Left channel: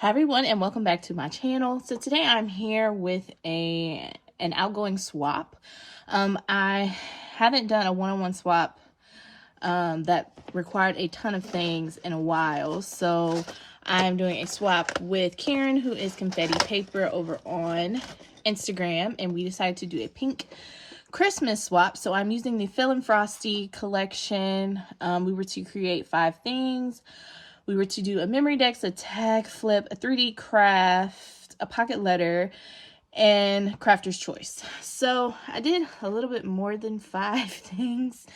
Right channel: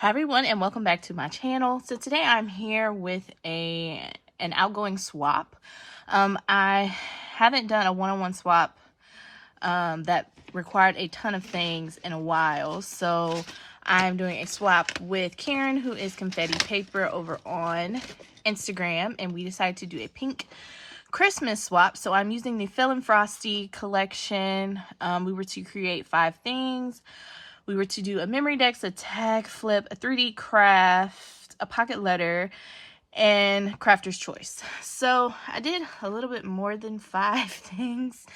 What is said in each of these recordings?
Hi everyone, and welcome back to my channel. So today I'm here with an outgoing swap. I haven't done a one-on-one swap that required a ton of things in a while. So I'm doing a swap with Karen, who is Confetti Paper, over on Instagram, and we decided to do a pink Christmas swap. So I'm using the Feelin Frosty collection. We were to create 5 things. We were to do a memory dex, a tag flip, a 3D craft, a pocket letter, and crafter's choice. So I did a little bit more than 5 things.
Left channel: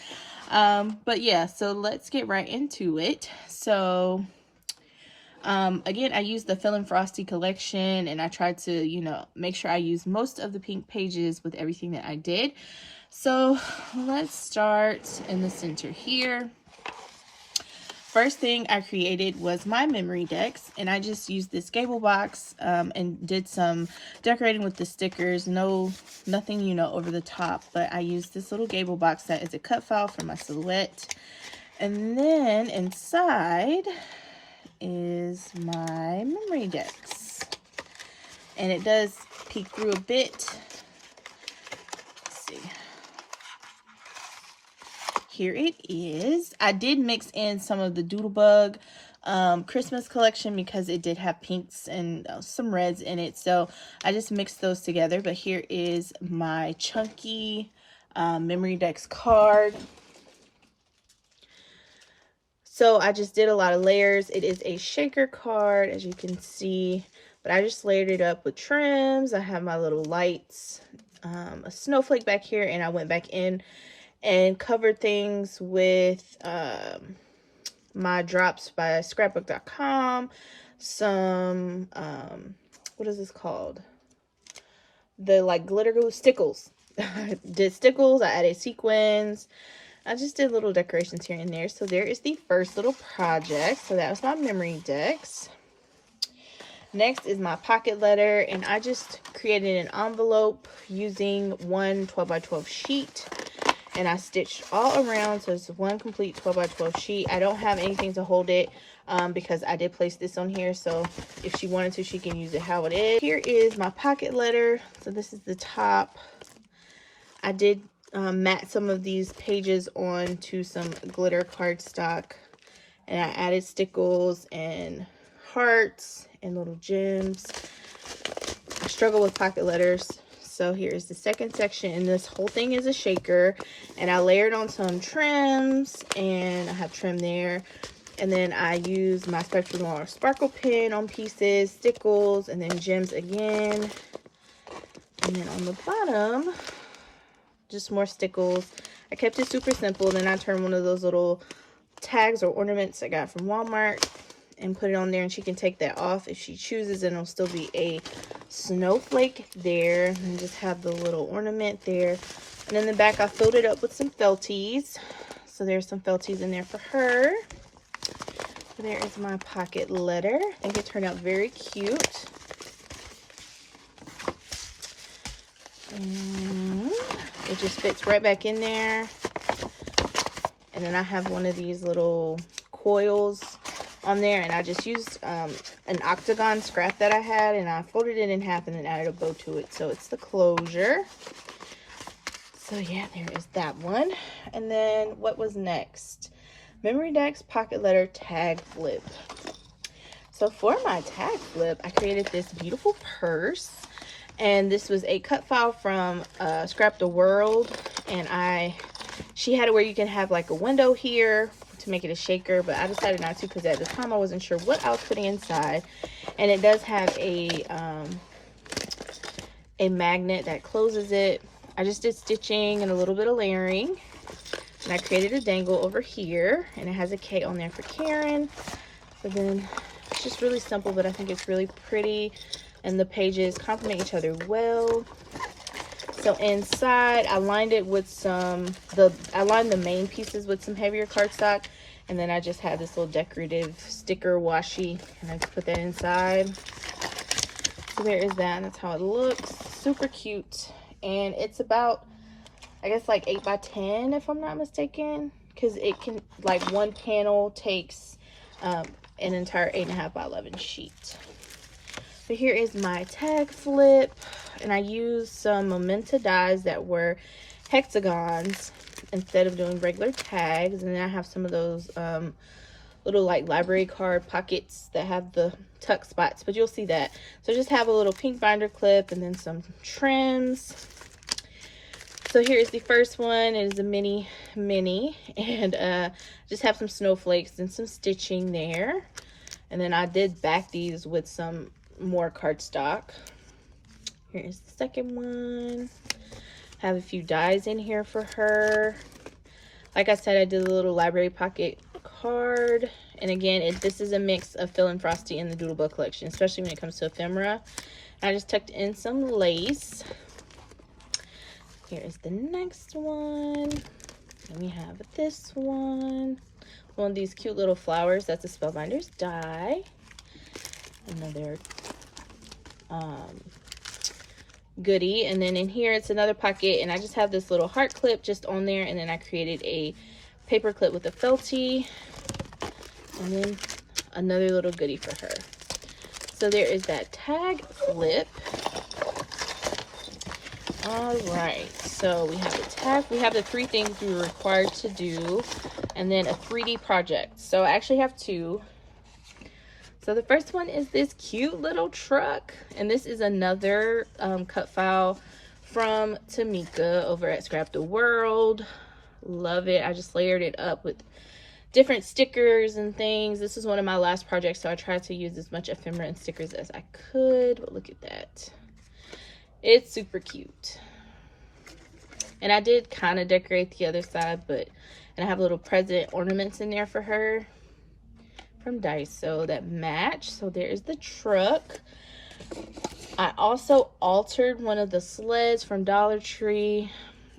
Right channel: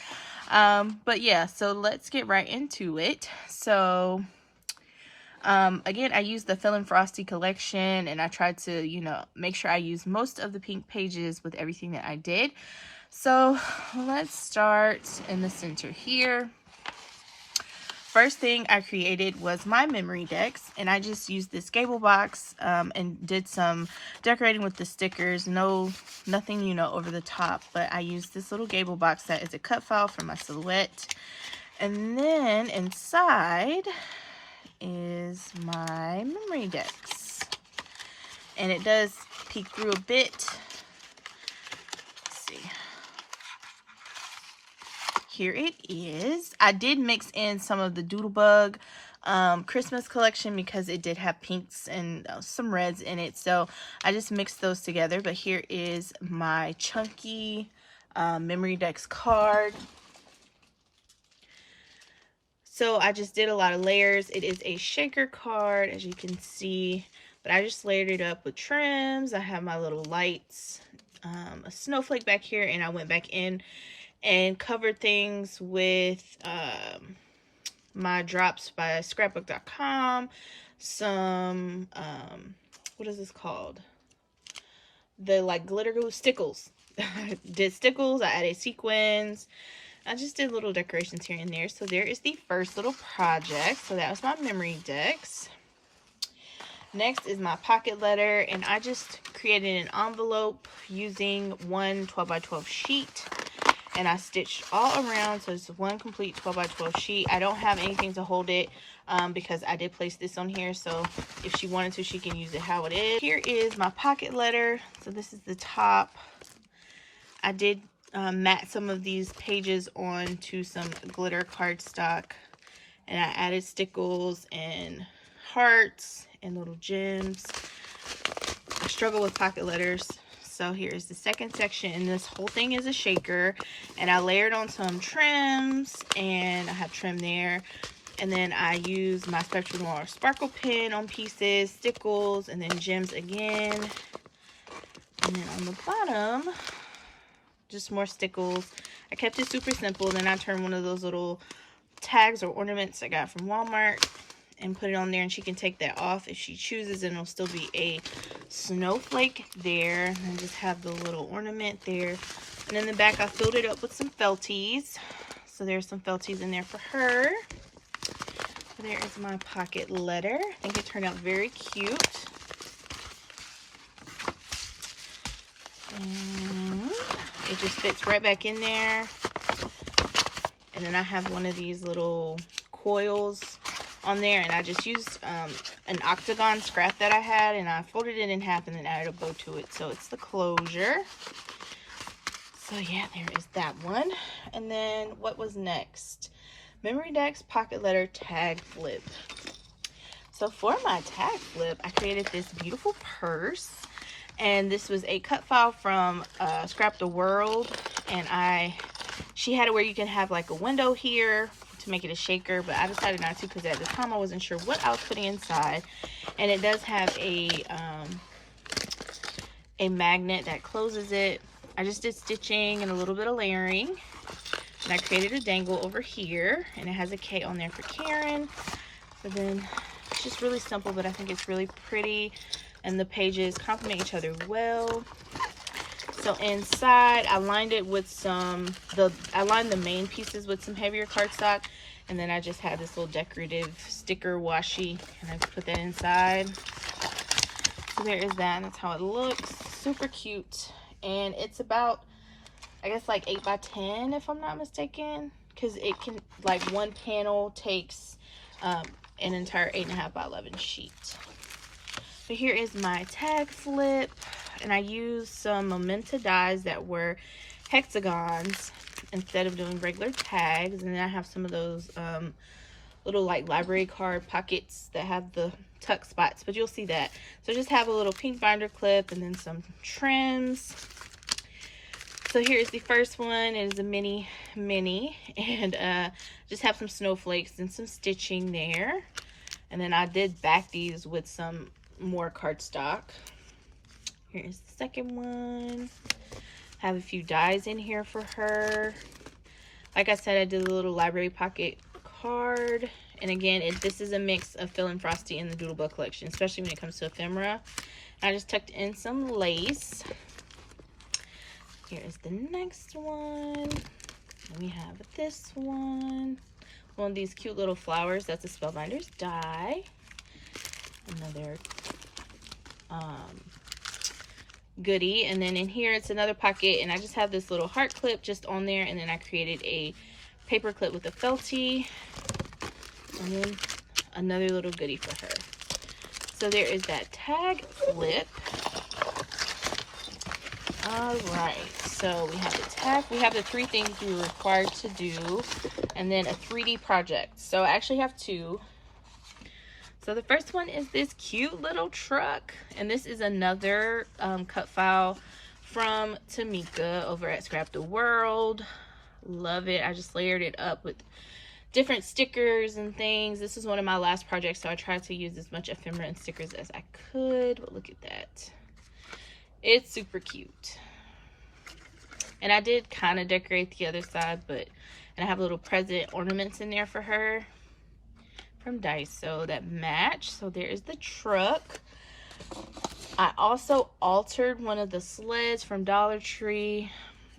But yeah, so let's get right into it. So again, I used the Feelin Frosty collection, and I tried to, make sure I use most of the pink pages with everything that I did. So let's start in the center here. First thing I created was my memory decks, and I just used this gable box and did some decorating with the stickers. Nothing, over the top, but I used this little gable box that is a cut file for my silhouette. And then inside is my memory decks, and it does peek through a bit. Let's see. Here it is. I did mix in some of the Doodlebug Christmas collection because it did have pinks and some reds in it. So I just mixed those together. But here is my chunky memory decks card. So I just did a lot of layers. It is a shaker card, as you can see. But I just layered it up with trims. I have my little lights, a snowflake back here, and I went back in and covered things with my drops by scrapbook.com, some what is this called, the like glitter glue stickles. Did stickles, I added sequins, I just did little decorations here and there. So there is the first little project. So that was my memory decks. Next is my pocket letter, and I just created an envelope using one 12x12 sheet. And I stitched all around, so it's one complete 12x12 sheet. I don't have anything to hold it because I did place this on here. So if she wanted to, she can use it how it is. Here is my pocket letter. So this is the top. I did mat some of these pages onto some glitter cardstock. And I added stickles and hearts and little gems. I struggle with pocket letters. So here's the second section, and this whole thing is a shaker, and I layered on some trims, and I have trim there, and then I use my Spectrum Noir sparkle pen on pieces, stickles, and then gems again. And then on the bottom, just more stickles. I kept it super simple. Then I turned one of those little tags or ornaments I got from Walmart and put it on there, and she can take that off if she chooses, and it'll still be a snowflake there. And just have the little ornament there. And in the back, I filled it up with some felties. So there's some felties in there for her. So there is my pocket letter. I think it turned out very cute. And it just fits right back in there. And then I have one of these little coils on there, and I just used an octagon scrap that I had, and I folded it in half and then added a bow to it. So it's the closure. So yeah, there is that one. And then what was next? Memory decks, pocket letter, tag flip. So for my tag flip, I created this beautiful purse, and this was a cut file from Scrap the World, and she had it where you can have like a window here to make it a shaker, but I decided not to because at the time I wasn't sure what I was putting inside. And it does have a magnet that closes it. I just did stitching and a little bit of layering, and I created a dangle over here, and it has a K on there for Karen. So then it's just really simple, but I think it's really pretty, and the pages complement each other well. So inside, I lined it with I lined the main pieces with some heavier cardstock, and then I just had this little decorative sticker washi, and I put that inside. So there is that, and that's how it looks. Super cute, and it's about, I guess, like 8 by 10 if I'm not mistaken, because it can, like, one panel takes an entire 8.5 by 11 sheet. So here is my tag flip, and I used some Momenta dies that were hexagons instead of doing regular tags. And then I have some of those little like library card pockets that have the tuck spots, but you'll see that. So just have a little pink binder clip and then some trims. So here's the first one. It is a mini, and just have some snowflakes and some stitching there. And then I did back these with some more cardstock. Here's the second one. Have a few dies in here for her. Like I said, I did a little library pocket card. And again, this is a mix of Feelin, Frosty, and the Doodlebug collection, especially when it comes to ephemera. I just tucked in some lace. Here is the next one. And we have this one. One of these cute little flowers. That's a Spellbinders die. Another goodie. And then in here, it's another pocket. And I just have this little heart clip just on there. And then I created a paper clip with a felty. And then another little goodie for her. So there is that tag flip. All right, so we have the tag. We have the 3 things we were required to do, and then a 3D project. So I actually have 2. So the first one is this cute little truck, and this is another cut file from Tamika over at Scrap the World. Love it. I just layered it up with different stickers and things. This is one of my last projects, so I tried to use as much ephemera and stickers as I could. But look at that. It's super cute. And I did kind of decorate the other side, and I have little present ornaments in there for her from Daiso that match. So there's the truck. I also altered one of the sleds from Dollar Tree,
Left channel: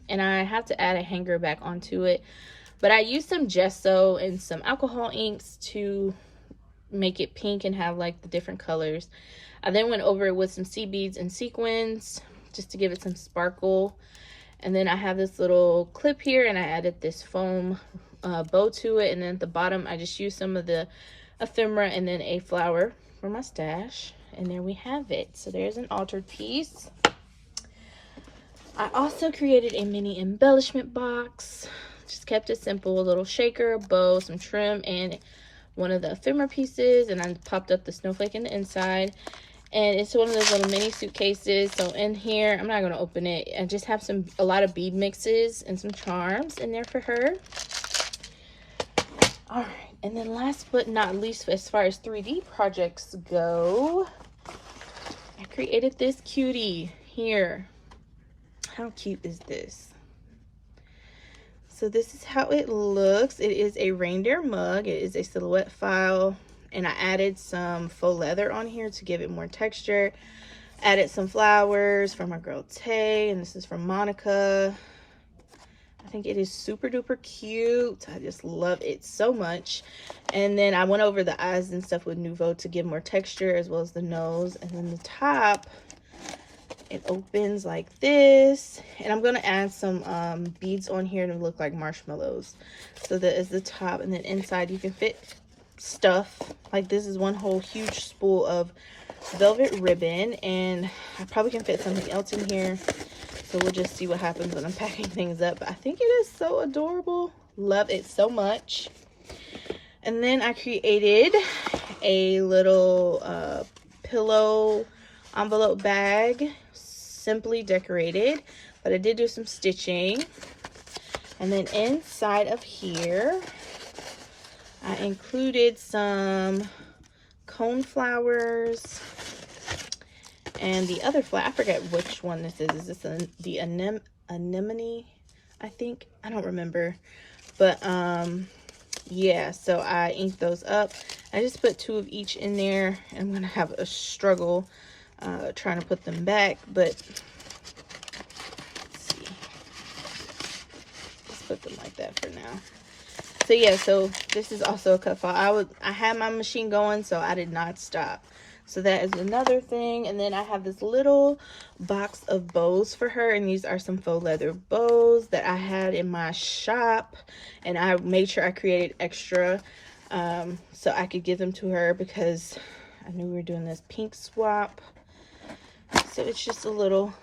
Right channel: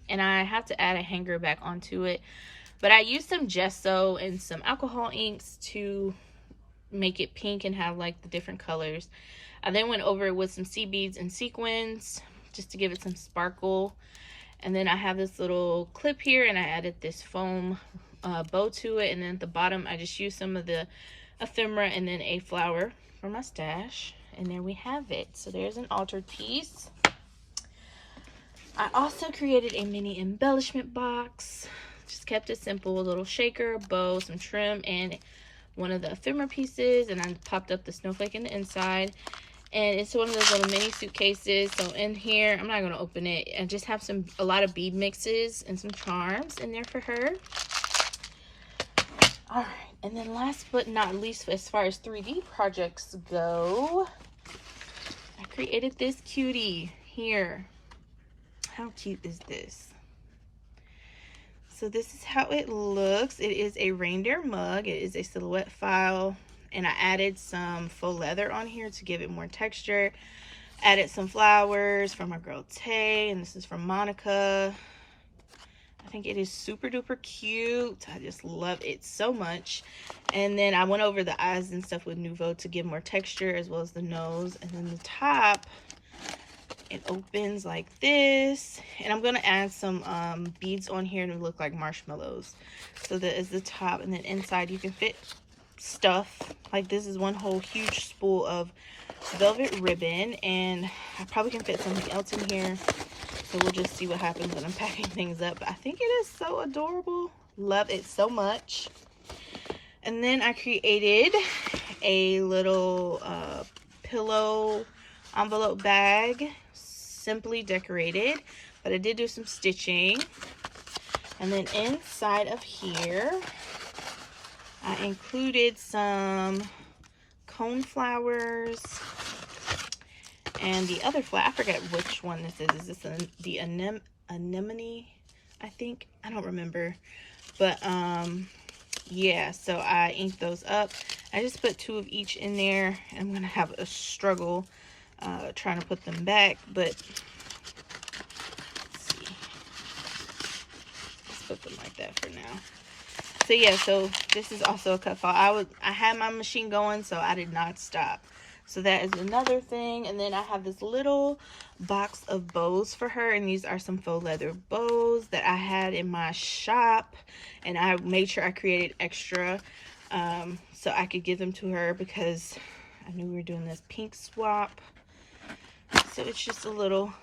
and I have to add a hanger back onto it. But I used some gesso and some alcohol inks to make it pink and have like the different colors. I then went over it with some sea beads and sequins just to give it some sparkle. And then I have this little clip here, and I added this foam bow to it. And then at the bottom, I just used some of the ephemera and then a flower for my stash. And there we have it. So there's an altered piece. I also created a mini embellishment box. Just kept it simple. A little shaker, a bow, some trim, and one of the ephemera pieces. And I popped up the snowflake in the inside. And it's one of those little mini suitcases. So in here, I'm not going to open it. I just have a lot of bead mixes and some charms in there for her. All right. And then last but not least, as far as 3D projects go, I created this cutie here. How cute is this? So this is how it looks. It is a reindeer mug. It is a silhouette file. And I added some faux leather on here to give it more texture. Added some flowers from our girl Tay, and this is from Monica. I think it is super duper cute. I just love it so much. And then I went over the eyes and stuff with Nouveau to give more texture, as well as the nose. And then the top, it opens like this. And I'm going to add some beads on here to look like marshmallows. So that is the top. And then inside you can fit stuff. Like this is one whole huge spool of velvet ribbon, and I probably can fit something else in here, so we'll just see what happens when I'm packing things up. But I think it is so adorable. Love it so much. And then I created a little pillow envelope bag, simply decorated, but I did do some stitching. And then inside of here I included some cone flowers and the other flower. I forget which one this is. Is this the anemone? I think. I don't remember. But yeah, so I inked those up. I just put 2 of each in there. I'm gonna have a struggle trying to put them back, but let's see. Let's put them like that for now. So yeah, so this is also a cut file. I had my machine going, so I did not stop. So that is another thing. And then I have this little box of bows for her, and these are some faux leather bows that I had in my shop, and I made sure I created extra so I could give them to her, because I knew we were doing this pink swap. So it's just a little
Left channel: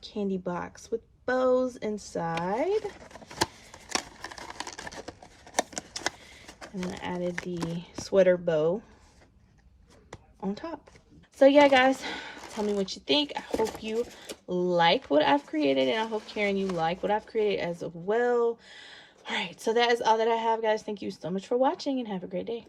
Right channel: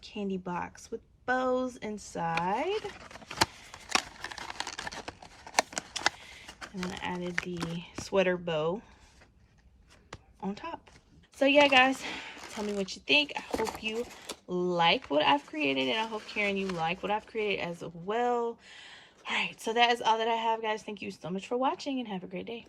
candy box with bows inside. And then I added the sweater bow on top. So yeah, guys, tell me what you think. I hope you like what I've created, and I hope, Karen, you like what I've created as well. All right, so that is all that I have, guys. Thank you so much for watching, and have a great day.